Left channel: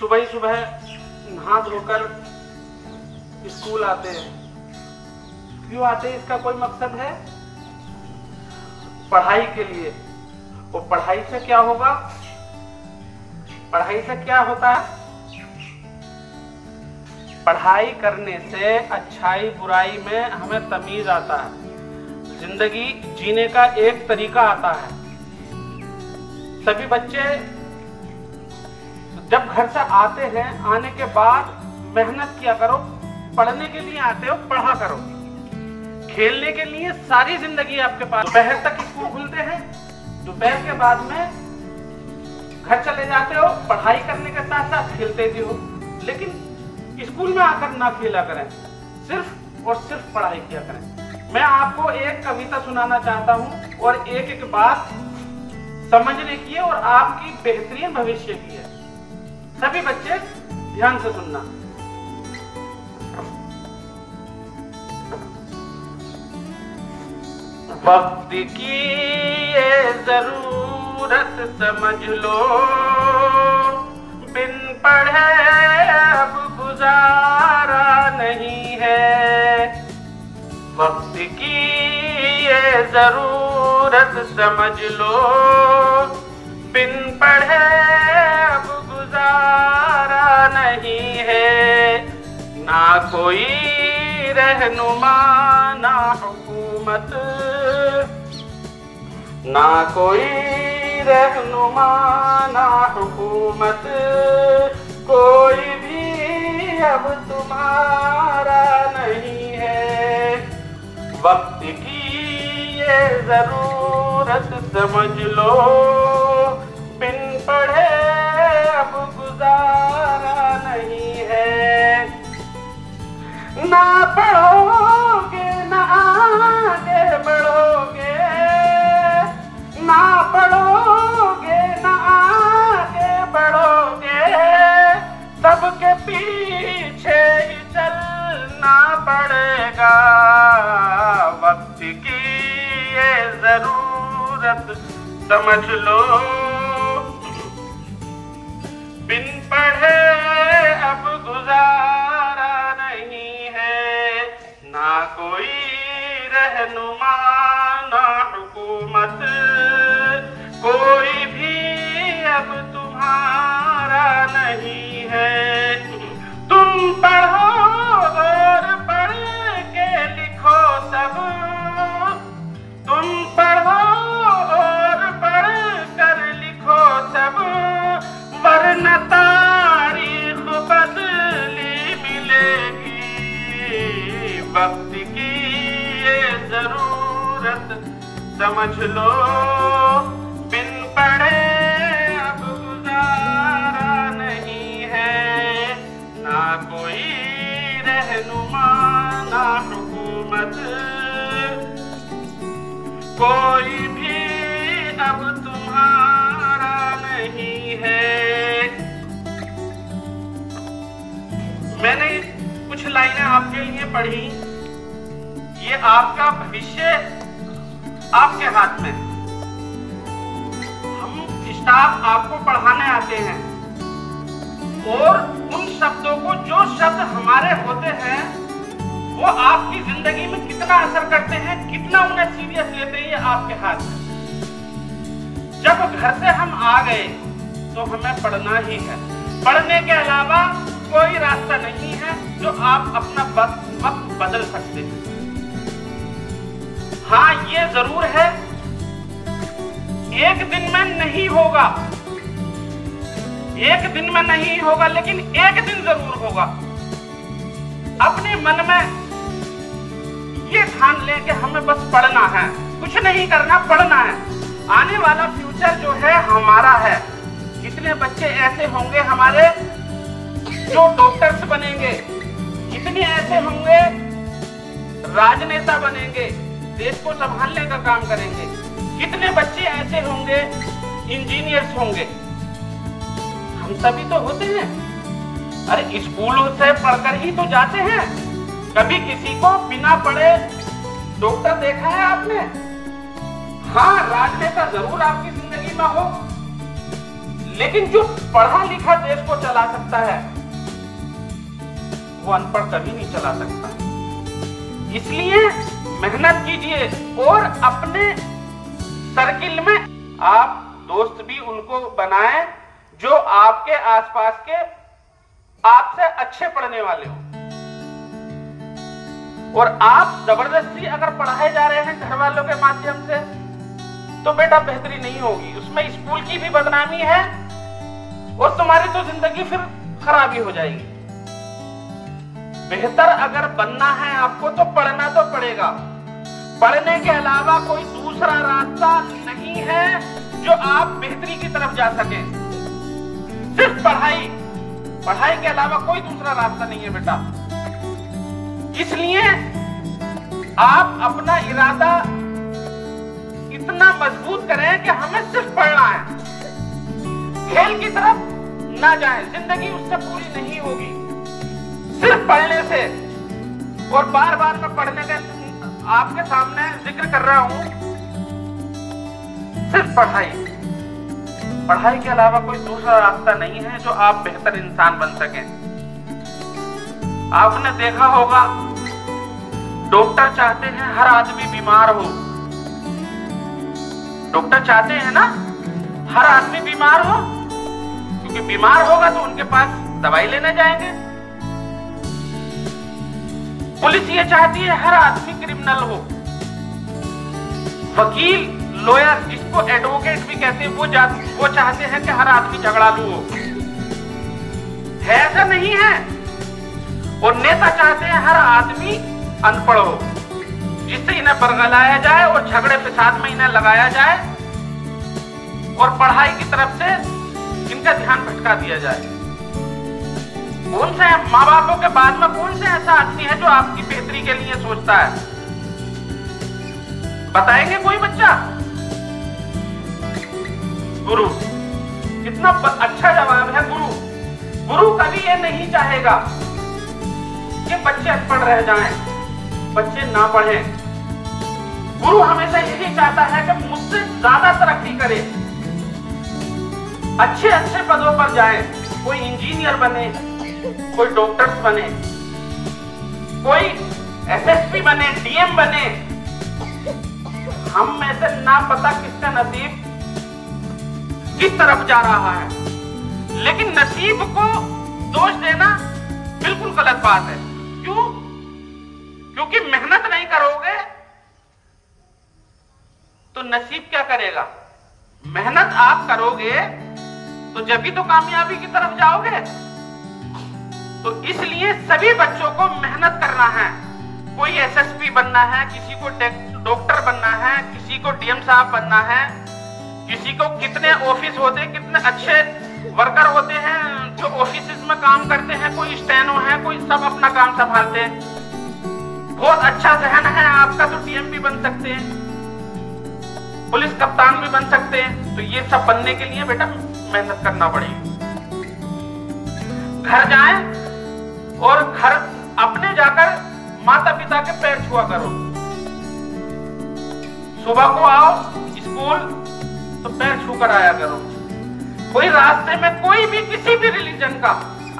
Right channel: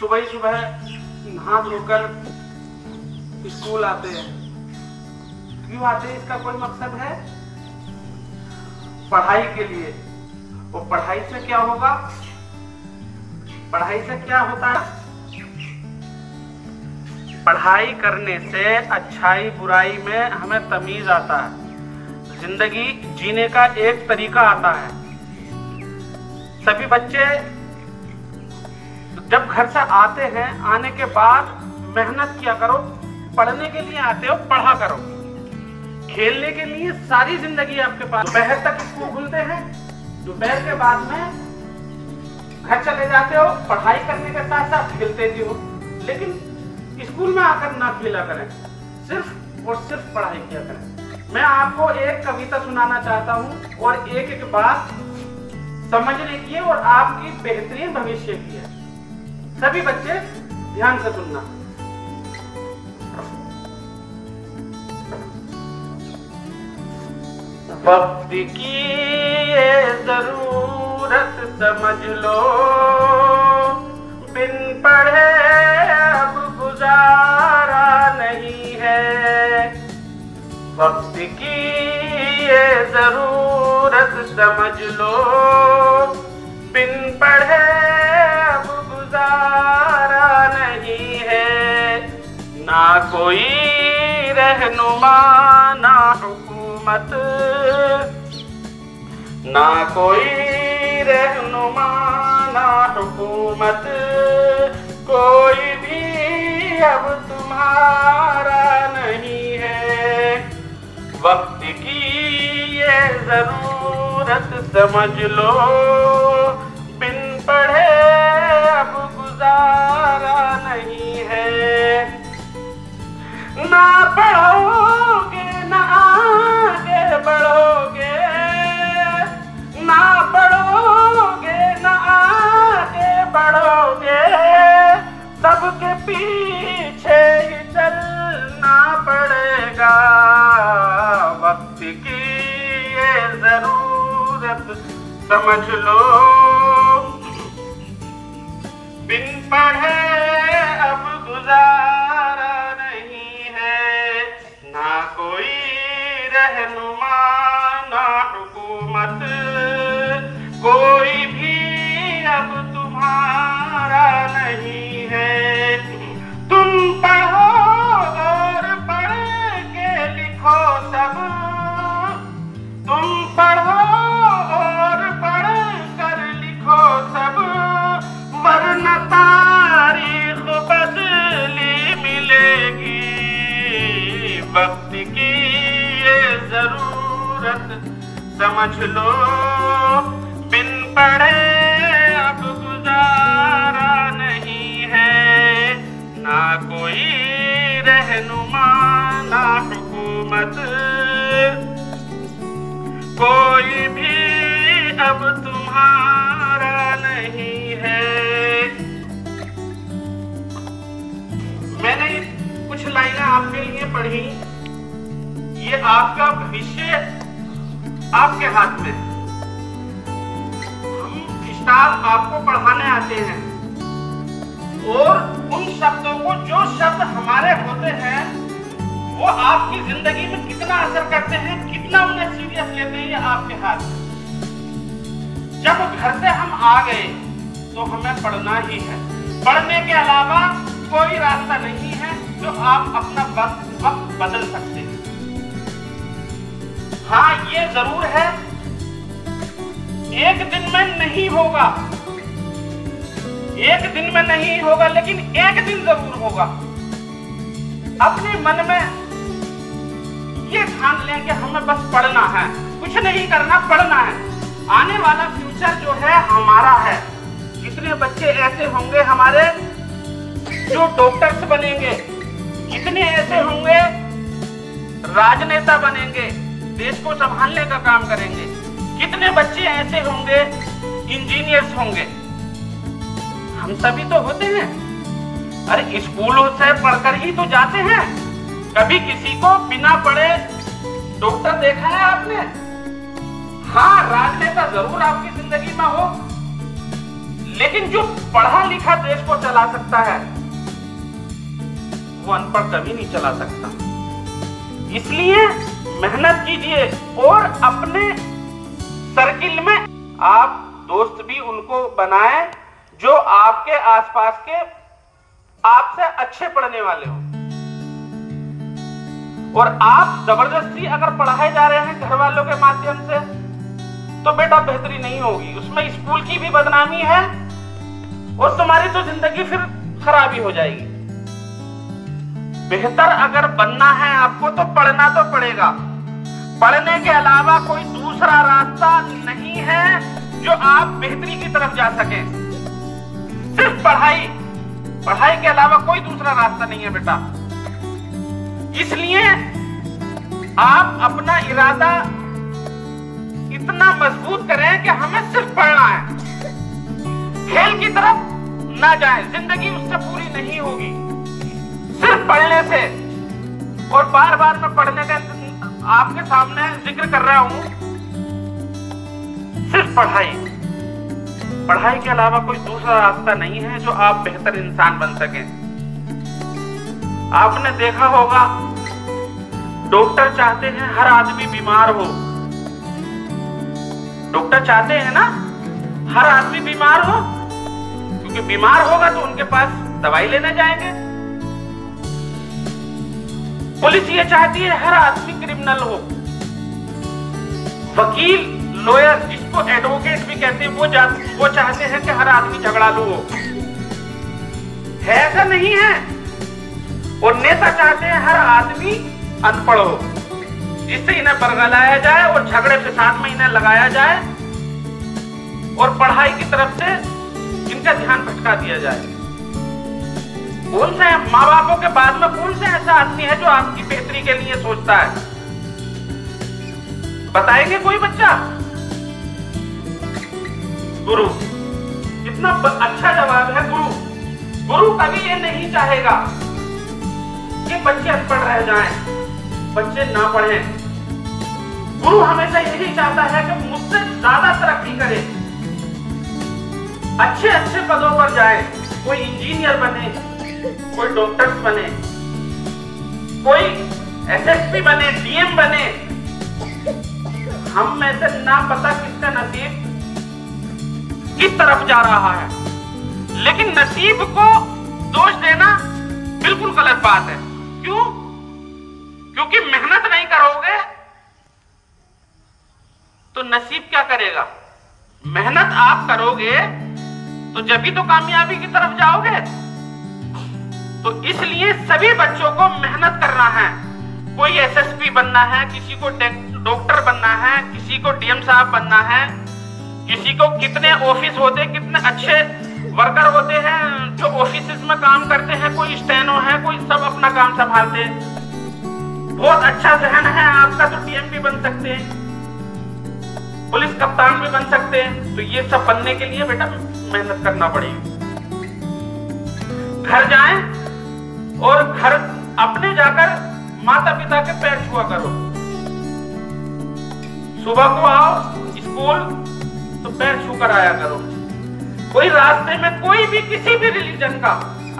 सुबह सुबह नहा धोकर स्कूल आते हैं। क्यों आते हैं? इसका कोई मकसद है? पढ़ाई के लिए। वो पढ़ाई से क्या होगा? पढ़ाई से क्या होता है? पढ़ाई करने से अच्छाई बुराई में हमें तमीज आता है, जिंदगी जीने का एक तरीका आता है। सभी बच्चे जब घर से आते हैं, आने के बाद मेहनत किया करो। पढ़ने के लिए आते हो, पढ़ा करो। खेलने के लिए सारी जिंदगी आपके पास। दोपहर तक स्कूल खुलते हैं, दोपहर के बाद में घर चले जाते हो, पढ़ाई करने के साथ साथ खेलते भी हो। लेकिन स्कूल में आकर ना खेला करें, सिर्फ और सिर्फ पढ़ाई किया करें। मैं आपको एक कविता सुनाना चाहता हूँ और एक एक बात समझने की है और आपकी बेहतरीन भविष्य की है। सभी बच्चे ध्यान से सुनना। वक्त की ये जरूरत समझ लो, बिन पढ़े अब गुजारा नहीं है। वक्त की ये जरूरत समझ लो, बिन पढ़े अब गुजारा नहीं है। ना कोई रहनुमा ना हुकूमत, ना कोई रहनुमा ना हुकूमत, कोई भी अब तुम्हारा नहीं है। वक्त की ये जरूरत समझ लो, बिन पढ़े अब गुजारा नहीं है। ना पढ़ोगे ना आगे बढ़ोगे, ना पढ़ोगे ना आगे बढ़ोगे, सबके पीछे ही चलना पड़ेगा। वक्त की ये जरूरत समझ लो, बिन पढ़े अब गुजारा नहीं है। ना कोई रहनुमा ना हुकूमत, कोई भी अब तुम्हारा नहीं है। तुम पढ़ो और पढ़ के लिखो सब, तुम पढ़ो और पढ़ कर लिखो सब, वरना तारीख बदली मिलेगी। वक्त की ये जरूरत समझ लो, बिन पढ़े अब गुजारा नहीं है। ना कोई रहनुमा ना हुकूमत, कोई भी अब तुम्हारा नहीं है। मैंने कुछ लाइनें आपके लिए पढ़ी। ये आपका भविष्य आपके हाथ में। हम स्टाफ आपको पढ़ाने आते हैं और उन शब्दों को, जो शब्द हमारे होते हैं, वो आपकी जिंदगी में कितना असर करते हैं, कितना उन्हें सीरियस लेते हैं, ये आपके हाथ में। जब घर से हम आ गए तो हमें पढ़ना ही है। पढ़ने के अलावा कोई रास्ता नहीं है जो आप अपना वक्त बदल सकते हैं। हाँ, ये जरूर है, एक दिन में नहीं होगा, एक दिन में नहीं होगा, लेकिन एक दिन जरूर होगा। अपने मन में ये ठान लें कि हमें बस पढ़ना है, कुछ नहीं करना, पढ़ना है। आने वाला फ्यूचर जो है हमारा है। कितने बच्चे ऐसे होंगे हमारे जो डॉक्टर्स बनेंगे, कितने ऐसे होंगे राजनेता बनेंगे, देश को संभालने का काम करेंगे। कितने बच्चे ऐसे होंगे इंजीनियर्स होंगे। हम सभी तो होते हैं। अरे स्कूलों से पढ़कर ही तो जाते हैं। कभी किसी को बिना पढ़े डॉक्टर देखा है आपने? हाँ, राजनेता जरूर आपकी जिंदगी में हो, लेकिन जो पढ़ा लिखा देश को चला सकता है वो अनपढ़ कभी नहीं चला सकता। इसलिए मेहनत कीजिए और अपने सर्किल में आप दोस्त भी उनको बनाएं जो आपके आसपास के आपसे अच्छे पढ़ने वाले हो। और आप जबरदस्ती अगर पढ़ाए जा रहे हैं घर वालों के माध्यम से तो बेटा बेहतरी नहीं होगी, उसमें स्कूल की भी बदनामी है और तुम्हारी तो जिंदगी फिर खराब ही हो जाएगी। बेहतर अगर बनना है आपको तो पढ़ना तो पड़ेगा। पढ़ने के अलावा कोई दूसरा रास्ता नहीं है जो आप बेहतरी की तरफ जा सके। सिर्फ पढ़ाई, पढ़ाई के अलावा कोई दूसरा रास्ता नहीं है बेटा। इसलिए आप अपना इरादा इतना मजबूत करें कि हमें सिर्फ पढ़ना है, खेल की तरफ ना जाएं, जिंदगी उससे पूरी नहीं होगी सिर्फ पढ़ने से। और बार बार मैं पढ़ने का आपके सामने जिक्र कर रहा हूं, सिर्फ पढ़ाई, पढ़ाई के अलावा कोई दूसरा रास्ता नहीं है जो आप बेहतर इंसान बन सकें। आपने देखा होगा डॉक्टर चाहते हैं हर आदमी बीमार हो, डॉक्टर चाहते हैं ना हर आदमी बीमार हो, क्योंकि बीमार होगा तो उनके पास दवाई लेने जाएंगे। पुलिस ये चाहती है हर आदमी क्रिमिनल हो, वकील लॉयर जिसको एडवोकेट भी कहते हैं वो चाहते हैं कि हर आदमी झगड़ालू हो। है ऐसा नहीं है। और नेता चाहते हैं हर आदमी अनपढ़ हो, जिससे इन्हें बरगलाया जाए और झगड़े के साथ में इन्हें लगाया जाए और पढ़ाई की तरफ से इनका ध्यान भटका दिया जाए। कौन सा माँ बापों के बाद में कौन सा ऐसा आदमी है जो आपकी बेहतरी के लिए सोचता है? बताएंगे कोई बच्चा? गुरु, इतना अच्छा जवाब है गुरु। गुरु कभी ये नहीं चाहेगा कि बच्चे अनपढ़ रह जाएं, बच्चे ना पढ़ें। गुरु हमेशा यही चाहता है कि मुझसे ज्यादा तरक्की करे, अच्छे अच्छे पदों पर जाए, कोई इंजीनियर बने, कोई डॉक्टर बने, कोई एसएसपी बने, डीएम बने। हम में से ना पता किसका नसीब किस तरफ जा रहा है, लेकिन नसीब को दोष देना बिल्कुल गलत बात है। क्यों? क्योंकि मेहनत नहीं करोगे तो नसीब क्या करेगा? मेहनत आप करोगे तो जब भी तो कामयाबी की तरफ जाओगे। तो इसलिए सभी बच्चों को मेहनत करना है। कोई एसएसपी बनना है, किसी को डॉक्टर बनना है, किसी को डीएम साहब बनना है, किसी को कितने ऑफिस होते, कितने अच्छे वर्कर होते हैं जो ऑफिस में काम करते हैं, कोई स्टेनो है, कोई सब अपना काम संभालते हैं। बहुत अच्छा जहन है आपका तो डीएम भी बन सकते हैं, पुलिस कप्तान भी बन सकते हैं। तो ये सब बनने के लिए बेटा मेहनत करना पड़ेगी। घर जाएं और घर अपने जाकर माता पिता के पैर छुआ करो। सुबह को आओ स्कूल तो पैर छू कर आया करो। कोई रास्ते में कोई भी किसी भी रिलीजन का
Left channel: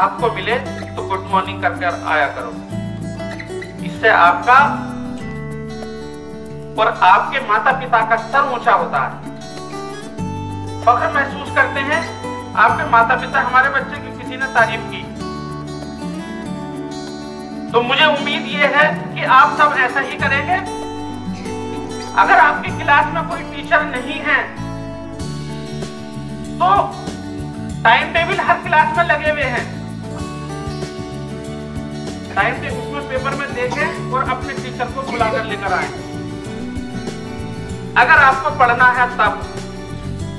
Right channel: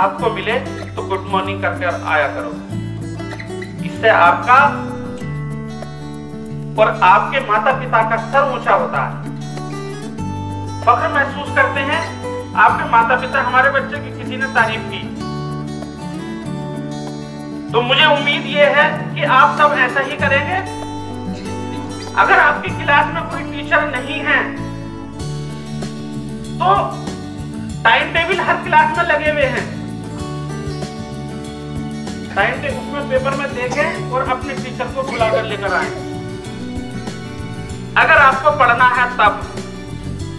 आपको मिले तो गुड मॉर्निंग कर आया करो। इससे आपका और आपके माता पिता का सर ऊंचा होता है, फख्र महसूस करते हैं। आपके माता पिता हमारे बच्चे की किसी ने तारीफ की तो मुझे उम्मीद ये है कि आप सब ऐसा ही करेंगे। अगर आपकी क्लास में कोई टीचर नहीं है तो टाइम टेबल हर क्लास में लगे हुए हैं, टाइम टेबल उसमें पेपर में देखें और अपने टीचर को बुलाकर लेकर आए। अगर आपको पढ़ना है तब,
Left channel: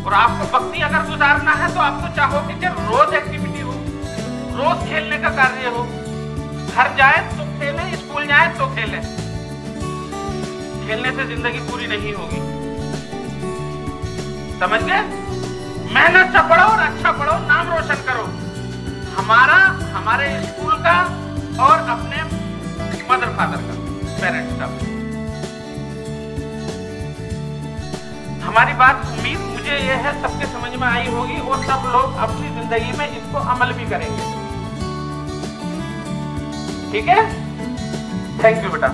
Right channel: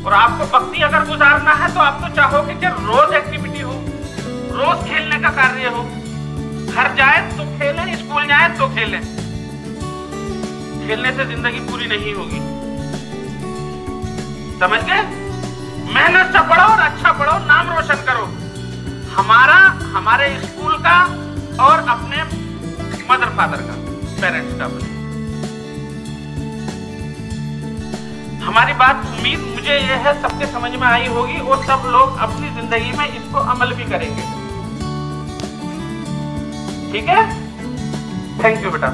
और आपको भक्ति अगर गुजारना है तो आपको चाहोगे कि रोज एक्टिविटी हो, रोज खेलने का कार्य हो। घर जाए तो खेलें, स्कूल जाए तो खेलें। खेलने से जिंदगी पूरी नहीं होगी, समझ गए? मेहनत से पढ़ो और अच्छा पढ़ो, नाम रोशन करो हमारा, हमारे स्कूल का और अपने मदर फादर का, पेरेंट्स का। हमारी बात उम्मीद मुझे यह है सबके समझ में आई होगी और सब लोग अपनी जिंदगी में इसको अमल भी करेंगे। ठीक है, थैंक यू बेटा।